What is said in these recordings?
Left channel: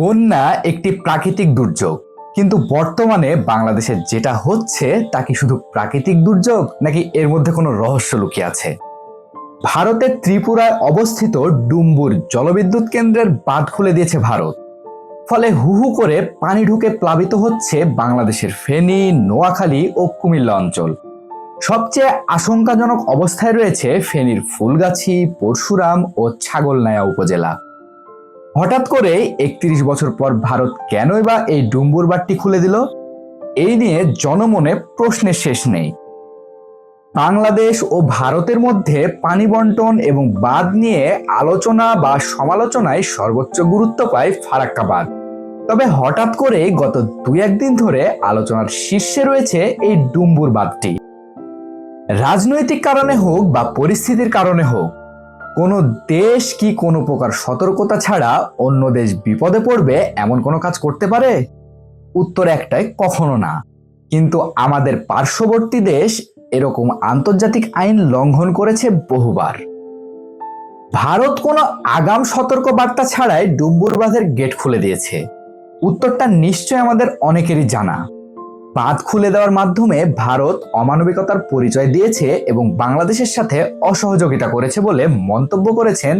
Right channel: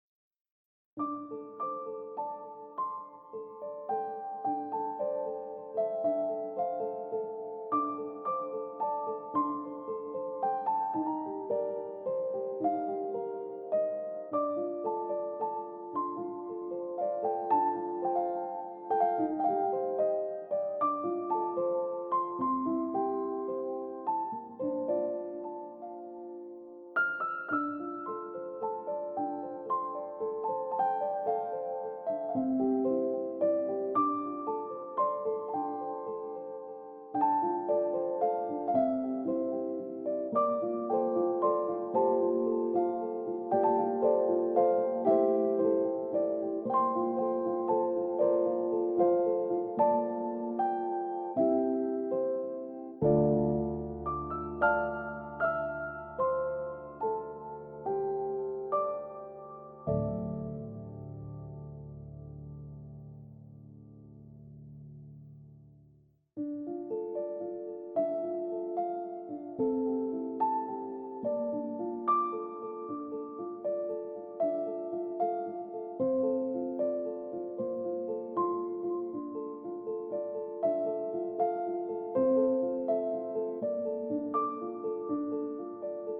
বন্যা একটি প্রাকৃতিক দুর্যোগ, কিন্তু বর্তমানে বাংলাদেশে যেটা হচ্ছে তা কি শুধু প্রাকৃতিক দুর্যোগ নাকি এর মধ্যে কোনো রহস্য লুকিয়ে আছে? ভারতের ত্রিপুরায় অবস্থিত ডুম্বুর জলবিদ্যুৎ কেন্দ্রের বাঁধ খুলে দিয়েছে ভারত। ফলে হু হু করে পানি ঢুকে প্লাবিত হচ্ছে বাংলাদেশের ফেনী, নোয়াখালী ও কুমিল্লা অঞ্চল। সবচেয়ে আশঙ্কাজনক অবস্থায় রয়েছে ফেনীর ফুলগাছি, পরশুরাম ও ছাগলনাইয়া উপজেলা। হঠাৎ করে ৩১ বছর পর ভারত কেনই বা এই ডুম্বুর বাঁধটি খুলে দিল? এই নিয়ে জনমনে প্রশ্নের শেষ নেই। বাংলাদেশ ও ভারতের মধ্যে পানি বন্টন এবং বাঁধ নিয়ে আলোচনা বা সমালোচনায় সর্বোচ্চ গুরুত্ব পায় ফারাক্কা বাঁধ। তবে হঠাৎ করে গত ২-১ দিন ধরে আলোচনার শীর্ষে রয়েছে এই ডুম্বুর বাঁধটি। রাজনৈতিক কারণে হোক বা পরিস্থিতির কারণে হোক, কোনো দেশ কি কোনো প্রকার সতর্কতা ছাড়া অন্য দেশ বিপদে পড়বে এমন কোনো কাজ করতে পারে? উত্তর একটাই, কখনো না। কিন্তু আমাদের পার্শ্ববর্তী দেশ এরকম আন্তর্জাতিক আইন লঙ্ঘন করেছে বহুবার। ভারত কোনো আগাম সতর্ক বার্তা ছাড়াই ডুম্বুর বাঁধের গেট খুলে দিয়েছে। উত্তরটা নিশ্চয় আমাদের অনেকেরই জানা। বাঁধ খুলে দেওয়ার মাধ্যমে ভারত অমানবিকতার পরিচয় দিয়েছে এবং বাংলাদেশের সাথে অসহযোগিতা করেছে বলে মন্তব্য করেছেন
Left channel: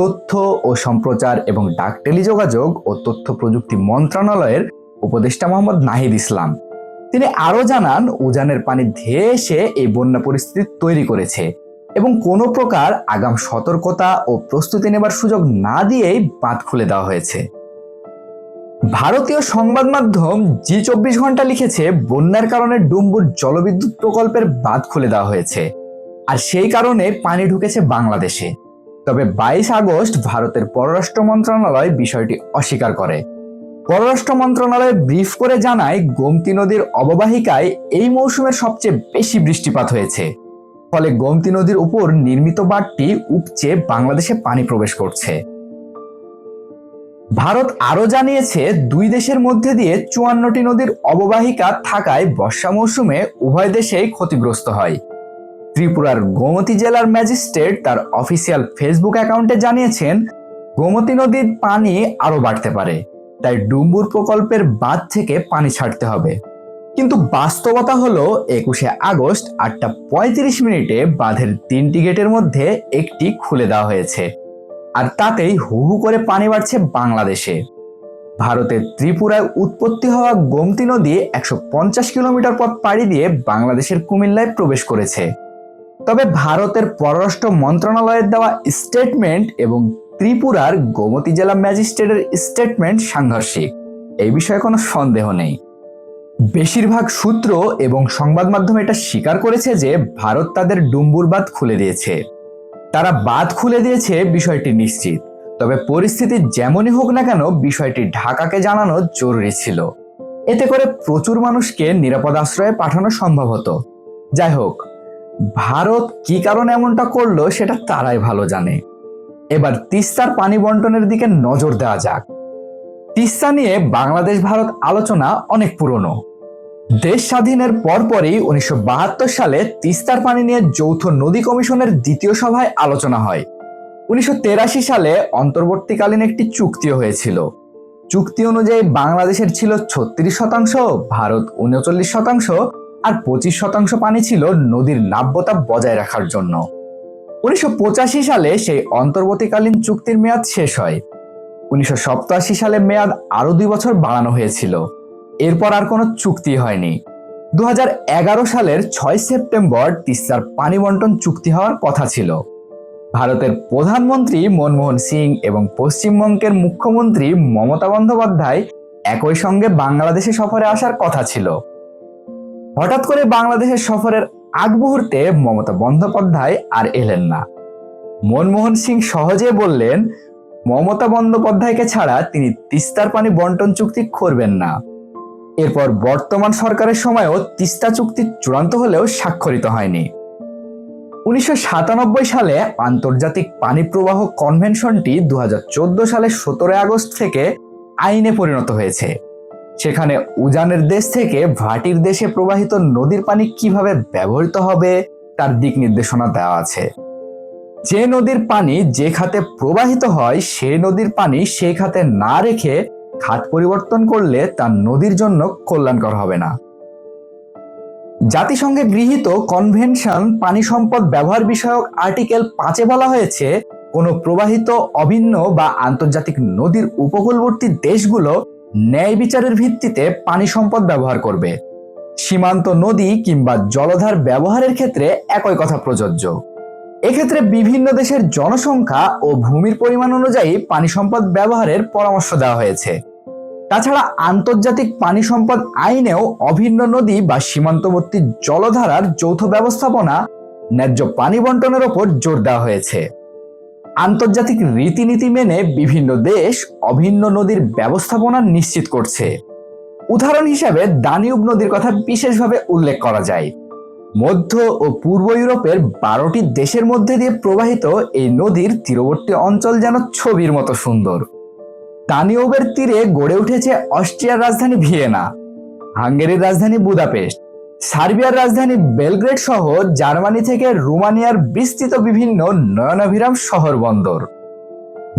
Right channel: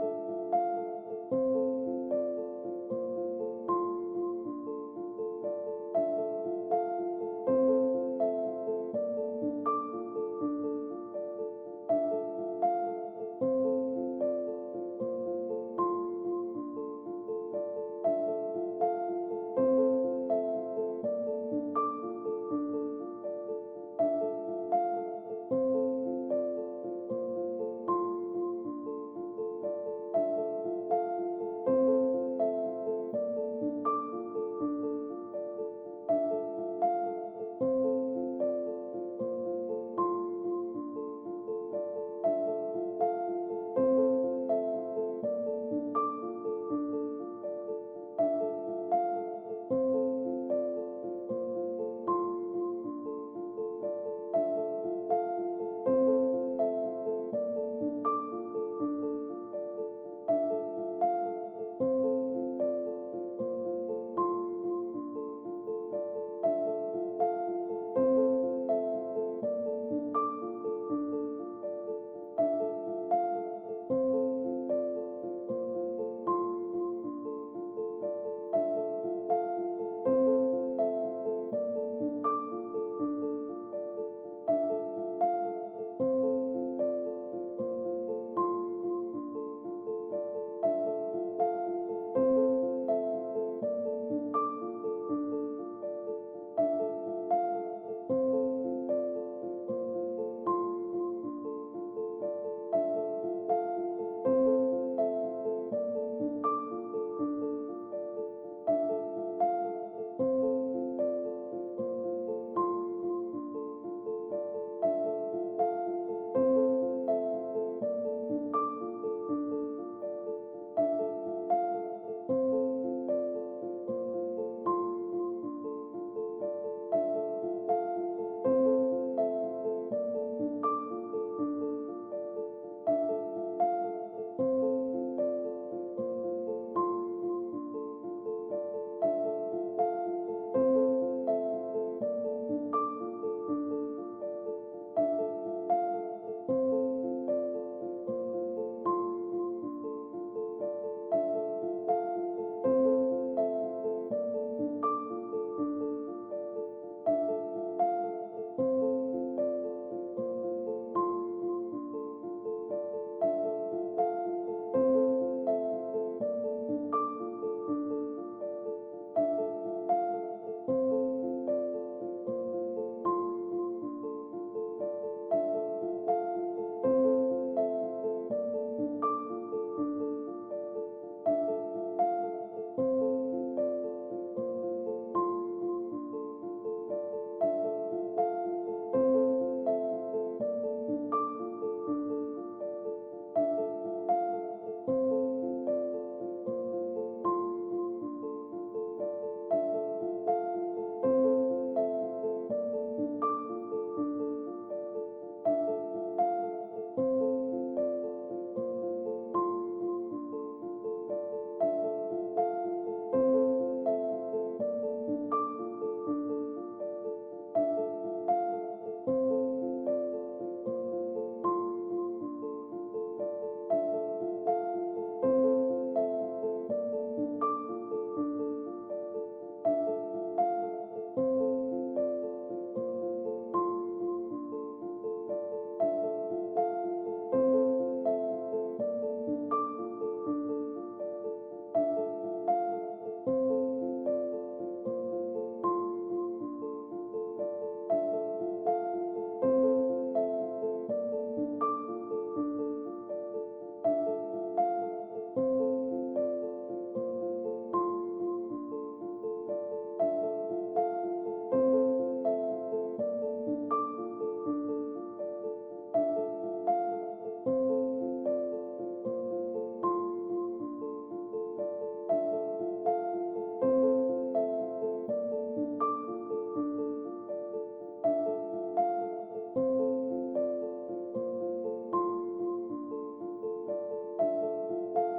তথ্য ও সম্প্রচার এবং ডাক টেলিযোগাযোগ ও তথ্য প্রযুক্তি মন্ত্রণালয়ের উপদেষ্টা মোহাম্মদ নাহিদ ইসলাম। তিনি আরও জানান, উজানের পানি ধেয়ে এসে এই বন্যা পরিস্থিতি তৈরি করেছে এবং কোনো প্রকার আগাম সতর্কতা ও প্রস্তুতি নেবার সুযোগ না দিয়েই বাঁধ খুলে দেওয়া হয়েছে। ভারতীয় সংবাদ মাধ্যম জি24 ঘন্টা লিখেছে, বন্যার কারণে ডুম্বুর জলবিদ্যুৎ প্রকল্পের বাঁধ খুলে দেওয়া হয়েছে আর সেই কারণে পানি ঢুকেছে বাংলাদেশে। তবে ২২ আগস্ট ভারতের পররাষ্ট্র মন্ত্রণালয় বিষয়টি অস্বীকার করে। পররাষ্ট্র মন্ত্রণালয় ব্রিফ করে জানায়, গোমতী নদীর অববাহিকায় এই মৌসুমের সবচেয়ে বেশি বৃষ্টিপাত হয়েছে। ফলে গোমতী নদীর উপর নির্মিত বাঁধটি উপচে বাংলাদেশে পানি প্রবেশ করছে। ভারত আরও জানিয়েছে, দুই দেশের মধ্যে দিয়ে ৫৪টি নদীর অববাহিকা থাকায় বর্ষা মৌসুমে উভয় দেশেই ক্ষতিগ্রস্ত হয়। ত্রিপুরার গোমতী জেলার ম্যাজিস্ট্রেট তার অফিসিয়াল ফেসবুক অ্যাকাউন্টে জানিয়েছেন, গোমতী নদীর পানি আরও বাড়তে পারে, তাই ডুম্বুর প্রকল্পের বাঁধ থেকে পানি ছাড়তে হবে। কিন্তু বাস্তবতা হলো ২১শে আগস্ট ৮টা ৩৫ মিনিটে বাঁধের ৩টি গেটের মধ্যে একটি খুলে দেওয়া হয়েছে, আর তাতেই হু হু করে পানি বাড়ছে বাংলাদেশে। ভারতের ত্রিপুরায় উৎপত্তি হওয়া গোমতী নদী ১৫০ কিলোমিটার পথ পাড়ি দিয়ে বাংলাদেশের কুমিল্লায় প্রবেশ করেছে। তবে ভারতের পররাষ্ট্র মন্ত্রণালয়ের দেওয়া স্টেটমেন্ট এবং ত্রিপুরার গোমতী জেলা ম্যাজিস্ট্রেটের স্টেটমেন্ট সাংঘর্ষিক, এই বিষয়ে কোনো সন্দেহ নেই। বেশিরভাগ সূত্র এবং সংবাদ মাধ্যম এটা স্বীকার করেছে যে ভারত তাদের ডুম্বুর বাঁধ খুলে দিয়েছে। তারা বাঁধ খুলে দিয়েছে বিষয়টি নিশ্চিত। তবে পরিস্থিতি যেমনই হোক না কেন, বিষয়টি ঢাকাকে জানানো জরুরি ছিল। এতে করে প্রচুর মানুষকে নিরাপদ আশ্রয়ে পাঠানো সম্ভব হতো। যাই হোক, ভারত কি কারণে এমনটা করলো সেটা তারাই ভালো জানে। এবার তিস্তার পানি বন্টনের দিকে নজর দেওয়া যাক। তিস্তা নিয়ে বাংলাদেশ ভারত আলোচনা অনেক পুরনো। দেশ স্বাধীনের পরপরই ১৯৭২ সালে তিস্তার পানি নিয়ে যৌথ নদী কমিশনের দ্বিতীয় সভায় আলোচনা হয়। ১৯৮৩ সালে অন্তর্বর্তীকালীন একটি চুক্তিও হয়েছিল। চুক্তি অনুযায়ী বাংলাদেশের ছিল ৩৬%, ভারত ৩৯% আর ২৫% পানি ছিল নদীর নাব্যতা বজায় রাখার জন্য। ১৯৮৫ সালে সেই অন্তর্বর্তীকালীন চুক্তির মেয়াদ শেষ হয়। ১৯৮৭ সালে মেয়াদ আরো ২ বছর বাড়ানো হয়েছিল। এরপর আর কোনো চুক্তি হয়নি। ২০১১ সালের ৬ সেপ্টেম্বর তিস্তার পানি বন্টন চুক্তি হওয়ার কথা ছিল। ভারতের প্রধানমন্ত্রী মনমোহন সিং এবং পশ্চিমবঙ্গের মুখ্যমন্ত্রী মমতা বন্দ্যোপাধ্যায় একই সঙ্গে বাংলাদেশে সফরে আসার কথা ছিল। হঠাৎ করে বাংলাদেশের সফরের আগ মুহূর্তে মমতা বন্দ্যোপাধ্যায় আর এলেন না। মনমোহন সিং সহজে বললেন, মমতা বন্দ্যোপাধ্যায়কে ছাড়া তিনি তিস্তার পানি বন্টন চুক্তি করবেন না। এরপর বর্তমান সরকারের সময়ও তিস্তা চুক্তি চূড়ান্ত হলেও স্বাক্ষরিত হয়নি। ১৯৯৭ সালে আন্তর্জাতিক পানি প্রবাহ কনভেনশনটি ২০১৪ সালের ১৭ আগস্ট থেকে আইনে পরিণত হয়েছে। সেখানে উজানের দেশ থেকে ভাটির দেশে প্রবাহিত নদীর পানি কিভাবে ব্যবহৃত হবে তার দিক নির্দেশনা দেওয়া আছে। যে নদীর পানি যে খাতে প্রবাহিত হয় সেই নদীর পানি সেই খাতে না রেখে খাত পরিবর্তন করলে তা নদীর জন্য কল্যাণকর হবে না। জাতিসংঘে গৃহীত কনভেনশন পানি সম্পদ ব্যবহার বিষয়ক আর্টিকেল 5-এ বলা হয়েছে, কোনো প্রবাহিত অভিন্ন বা আন্তর্জাতিক নদীর উপকূলবর্তী দেশগুলো ন্যায় বিচারের ভিত্তিতে পানি সম্পদ ব্যবহার করবে। সীমান্ত নদী কিংবা জলধার ব্যবহারের ক্ষেত্রে একই কথা প্রযোজ্য। এক্ষেত্রে বিভিন্ন দেশের জনসংখ্যা ও ভূমির পরিমাণ অনুযায়ী পানি সম্পদ ব্যবহারের পরামর্শ দেওয়া হয়েছে। তাছাড়া আন্তর্জাতিক পানি সম্পদ আইনেও অভিন্ন নদী বা সীমান্তবর্তী জলধারার যৌথ ব্যবস্থাপনা, ন্যায্য পানি বন্টনের ওপর জোর দেওয়া হয়েছে। আন্তর্জাতিক রীতিনীতি মেনে বিভিন্ন দেশ অভিন্ন নদীর ব্যবস্থাপনা নিশ্চিত করছে। উদাহরণ হিসেবে দানিউব নদীর কথা বিশেষভাবে উল্লেখ করা যায়। মধ্য ও পূর্ব ইউরোপের 12টি দেশের মধ্যে দিয়ে প্রবাহিত এই নদীর তীরবর্তী অঞ্চল যেন ছবির মতো সুন্দর। দানিউবের তীরে গড়ে উঠেছে অস্ট্রিয়ার রাজধানী ভিয়েনা, হাঙ্গেরির রাজধানী বুদাপেস্ট, সার্বিয়ার রাজধানী বেলগ্রেড সহ জার্মানি থেকে রোমানিয়ার বিস্তৃত বিভিন্ন নয়নাভিরাম শহর বন্দর।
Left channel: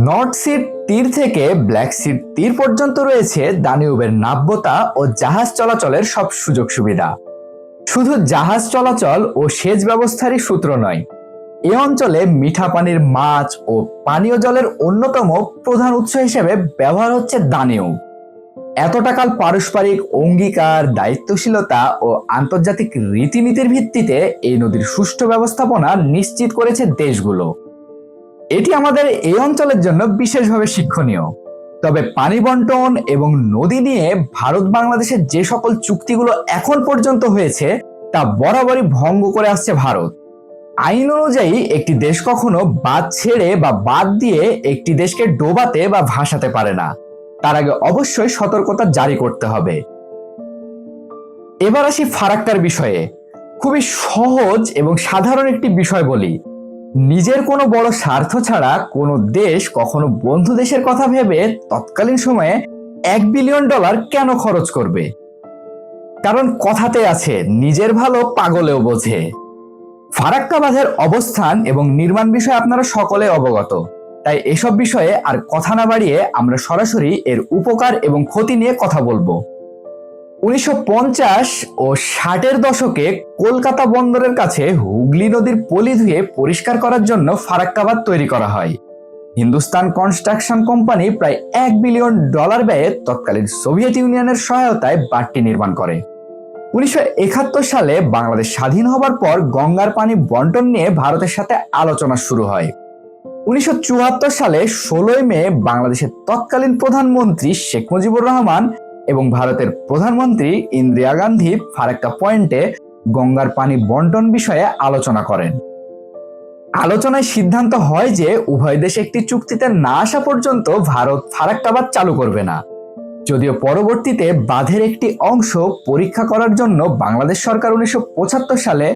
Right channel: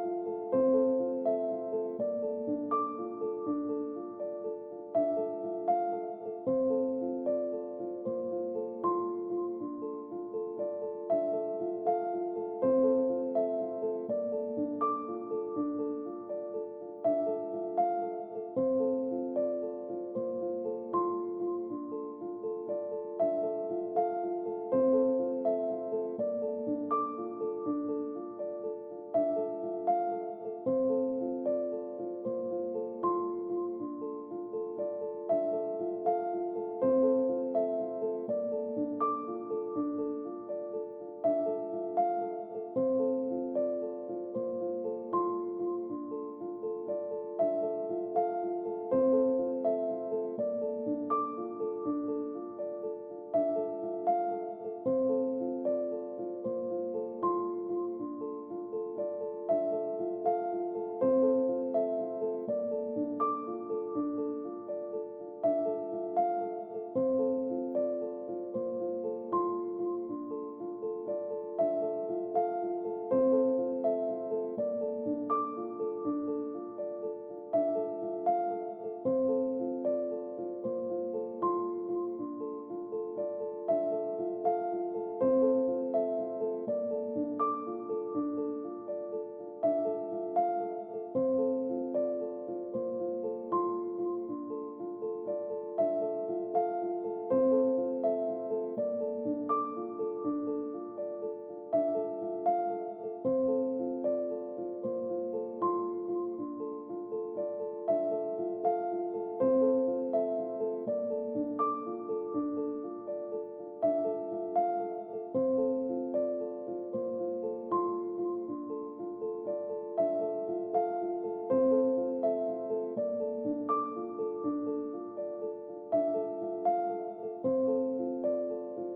নর্থ সির তীর থেকে ব্ল্যাক সির তীর পর্যন্ত রয়েছে দানিউবের নাব্যতা ও জাহাজ চলাচলের সব সুযোগ সুবিধা। শুধু জাহাজ চলাচল ও সেচ ব্যবস্থারই সূত্র নয়, এ অঞ্চলে মিঠা পানির মাছ ও পানীয় জলের অন্যতম প্রধান উৎস হিসেবে ব্যবহার হচ্ছে দানিউব। এতটাকাল পারস্পরিক অঙ্গীকার, দায়িত্বশীলতা ও আন্তর্জাতিক রীতিনীতির ভিত্তিতে এই নদীর সুষ্ঠু ব্যবস্থাপনা নিশ্চিত করেছে দেশগুলো। এটি আমাদের এই অঞ্চলের জন্য বিশেষভাবে শিক্ষণীয়। তবে পানি বন্টন এবং নদী নিয়ে ভারত বাংলাদেশের যে সকল চুক্তিগুলো এখন পর্যন্ত হয়েছে তা বরাবরই ভঙ্গ করে আসছে ভারত। আইন অনুযায়ী একটি দেশ কখনো বাদ ছেড়ে বা বাদ দিয়ে একটি দেশকে ডোবাতে বা ভাসাতে পারে না। তার আগে অবশ্যই সতর্কতা জারি করতে হবে। এবার আসি ফারাক্কার বিষয়ে। খুবই সহজ এবং সাধারণ একটি বিষয় বলি, নিজের কোনো বড় স্বার্থ ছাড়া কোনো দেশ কখনো বন্ধু দেশের কথা ভেবে তৎকালীন সময়ে $1 বিলিয়ন কেন খরচ করবে? কারণ কথাতে আছে, নিজের ভালো পাগলেও বোঝে। ফারাক্কা বাঁধের অবস্থান এবং নির্মাণ বিষয়ে আপনারা সকলে অবগত, তাই এসব বিষয়ে আর কথা না বাড়িয়ে আমরা সরাসরি এর উপকার এবং ক্ষতি নিয়ে কথা বলবো। 1950 ও 60-এর দশকে কলকাতা বন্দরের কাছে হুগলি নদীর পলি ধুয়ে পরিষ্কার করার জন্য ফারাক্কা বাঁধ তৈরি করা হয়। হিন্দুস্তান কনস্ট্রাকশন কোম্পানি প্রায় $1 বিলিয়ন ব্যয়ে তৎকালীন সোভিয়েত ইউনিয়নের সহায়তায় বাঁধটি নির্মাণ করে। 1971 সালে বাংলাদেশ স্বাধীন হবার পর গঙ্গার পানি বন্টন নিয়ে ভারতের সাথে আলোচনা শুরু হয়। 1974 সালে 16 মে বাংলাদেশের তৎকালীন প্রধানমন্ত্রী শেখ মুজিবুর রহমান এবং ভারতের প্রধানমন্ত্রী ইন্দিরা গান্ধী ফারাক্কা পয়েন্টে গঙ্গার পানি বন্টন বিষয়ে আলোচনা করেন। আলোচনায় সিদ্ধান্ত হয় যে উভয় দেশ একটি চুক্তিতে না আসা পর্যন্ত ভারত ফারাক্কা বাঁধ চালু করবে না। যদিও পরবর্তীতে বাঁধের একটি অংশ পরীক্ষা করার জন্য বাংলাদেশ সরকার 1975 সালে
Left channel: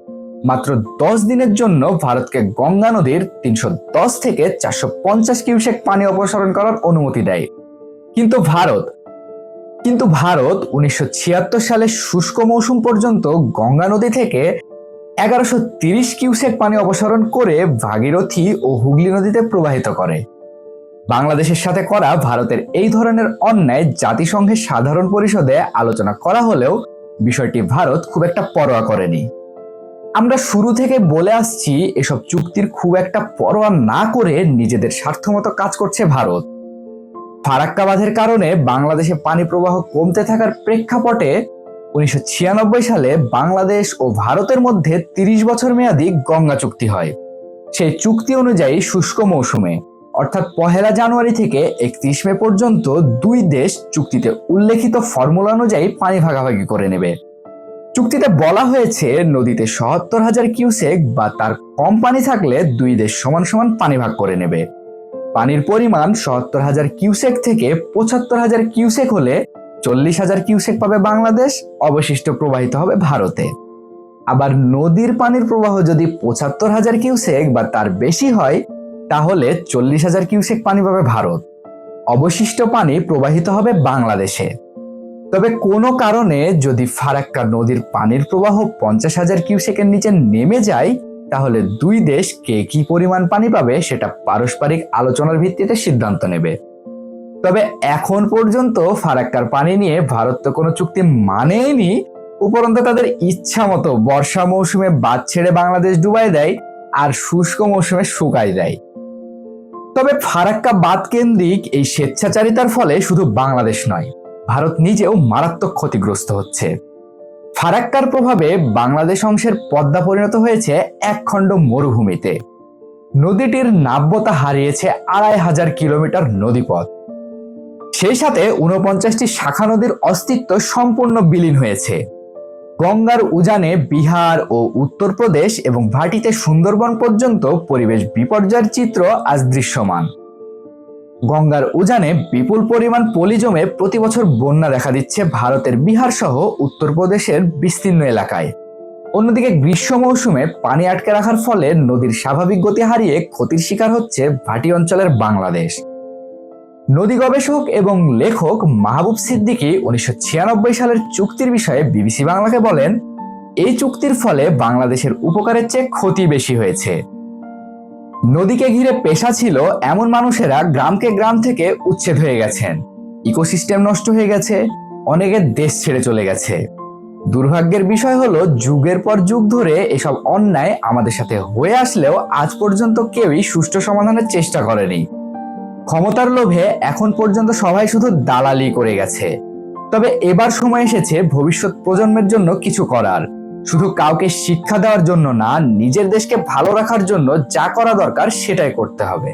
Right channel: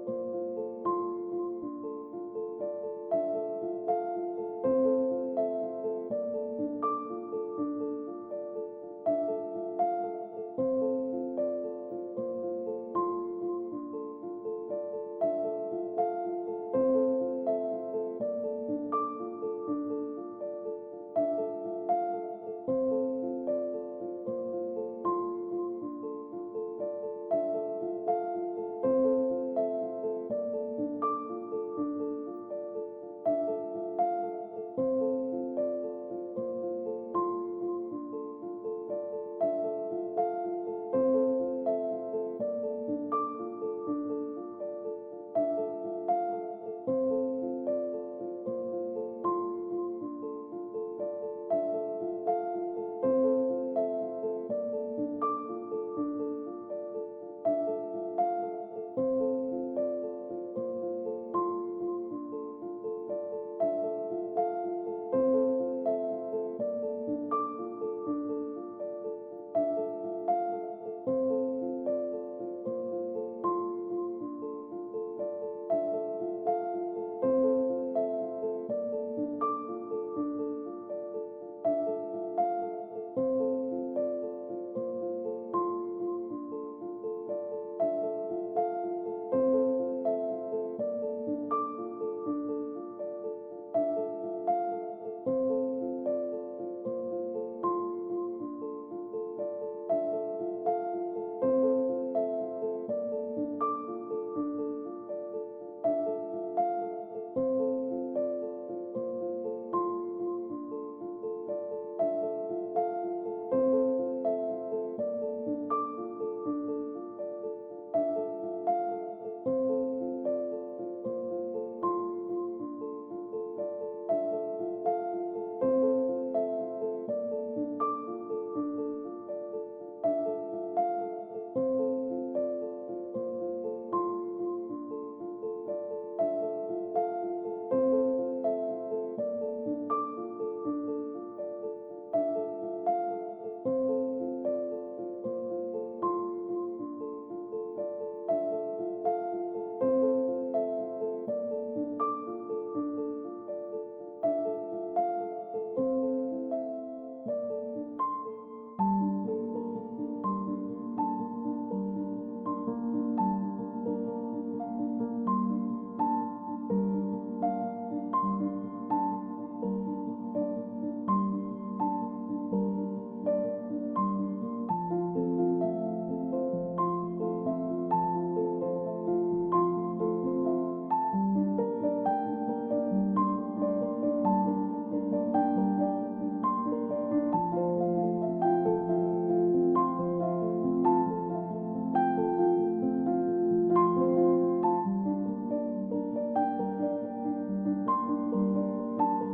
মাত্র 10 দিনের জন্য ভারতকে গঙ্গা নদীর 310 থেকে 450 কিউসেক পানি অপসারণ করার অনুমতি দেয়। কিন্তু ভারত 1976 সালে শুষ্ক মৌসুম পর্যন্ত গঙ্গা নদী থেকে 1130 কিউসেক পানি অপসারণ করে ভাগীরথী ও হুগলি নদীতে প্রবাহিত করে। বাংলাদেশের সাথে করা ভারতের এই ধরনের অন্যায় জাতিসংঘের সাধারণ পরিষদে আলোচনা করা হলেও বিষয়টি ভারত খুব একটা পরোয়া করেনি। আমরা শুরু থেকে বলে আসছি, এসব চুক্তির খুব একটা পরোয়া না করে নিজেদের স্বার্থমতো কাজ করছে ভারত। ফারাক্কা বাঁধের কারণে বাংলাদেশে পানি প্রবাহ কমতে থাকার প্রেক্ষাপটে 1996 সালে বাংলাদেশ ও ভারতের মধ্যে 30 বছর মেয়াদী গঙ্গা চুক্তি হয়। সেই চুক্তি অনুযায়ী শুষ্ক মৌসুমে অর্থাৎ 1 জানুয়ারি থেকে 31 মে পর্যন্ত দুই দেশ চুক্তিতে উল্লেখিত ফর্মুলা অনুযায়ী পানি ভাগাভাগি করে নেবে। চুক্তিতে বলা হয়েছে, নদীতে 77,000 কিউসেক বা তার কম পানি থাকলে দুই দেশ সমান সমান পানি ভাগ করে নেবে। পানির পরিমাণ 77,000 কিউসেক থেকে 75,000 কিউসেক হলে 40,000 কিউসেক পাবে বাংলাদেশ, অবশিষ্ট প্রবাহিত হবে ভারতে। আবার নদীর পানির প্রবাহ যদি 75,000 কিউসেক বা তার বেশি হয় তাহলে 40,000 কিউসেক পানি পাবে ভারত, অবশিষ্ট পানি প্রবাহিত হবে বাংলাদেশে। তবে কোনো কারণে যদি ফারাক্কা নদীর পানির প্রবাহ 50,000 কিউসেকের নিচে নেমে যায় তাহলে দুই দেশ কে কি পরিমাণ পানি পাবে সেটা পারস্পরিক আলোচনার ভিত্তিতে সিদ্ধান্ত নেবে। তবে এখন পর্যন্ত ফারাক্কার পানি নিয়ে ভারত তো কোনো চুক্তি মানেনি, উপরন্তু তাদের ইচ্ছা মতো বর্ষা মৌসুমে বাঁধ ছেড়ে বাংলাদেশ ডুবাই দেয় আর শুষ্ক মৌসুমে শুকাই দেয়। তবে ফারাক্কা বাঁধ কেন্দ্রিক এই স্বেচ্ছাচারিতার ফলে শুধু বাংলাদেশ নয়, ভারত নিজেও মারাত্মক ক্ষতিগ্রস্ত হচ্ছে। ফারাক্কার প্রভাবে বাংলাদেশ অংশের পদ্মা পরিণত হয়েছে একখণ্ড মরুভূমিতে। নদীটির নাব্যতা হারিয়েছে ২৫০০ কিলোমিটার নদীপথ। সেই সাথে ৪৯টি শাখা নদীর অস্তিত্ব সম্পূর্ণ বিলীন হয়েছে। গঙ্গার উজানে বিহার ও উত্তরপ্রদেশ এবং ভাটিতে সুন্দরবন পর্যন্ত পরিবেশ বিপর্যয়ের চিত্র আজ দৃশ্যমান। গঙ্গার উজানে বিপুল পরিমাণ পলি জমে প্রতি বছর বন্যা দেখা দিচ্ছে ভারতের বিহার সহ উত্তরপ্রদেশের বিস্তীর্ণ এলাকায়। অন্যদিকে গ্রীষ্ম মৌসুমে পানি আটকে রাখার ফলে নদীর স্বাভাবিক গতি হারিয়ে ক্ষতির শিকার হচ্ছে ভাটি অঞ্চলের বাংলাদেশ। নদী গবেষক এবং লেখক মাহবুব সিদ্দিকী ১৯৯৬ সালের চুক্তির বিষয়ে বিবিসি বাংলাকে বলেন, এই চুক্তির ফলে বাংলাদেশের উপকারের চেয়ে ক্ষতি বেশি হয়েছে। নদীকে ঘিরে পেশা ছিল এমন মানুষেরা গ্রামকে গ্রাম থেকে উচ্ছেদ হয়ে গেছেন, ইকোসিস্টেম নষ্ট হয়ে গেছে, অনেকের দেশ ছেড়ে চলে গেছে। দুর্ভাগ্যের বিষয় হলো যুগের পর যুগ ধরে এসব অন্যায় আমাদের সাথে হয়ে আসলেও আজ পর্যন্ত কেউই সুষ্ঠু সমাধানের চেষ্টা করেনি। ক্ষমতার লোভে এখন পর্যন্ত সবাই শুধু দালালি করে গেছে। তবে এবার সময় এসেছে ভবিষ্যৎ প্রজন্মের জন্য কিছু করার, শুধু কাউকে শিক্ষা দেওয়ার জন্য না, নিজের দেশকে ভালো রাখার জন্য যা করা দরকার সেটাই করতে হবে।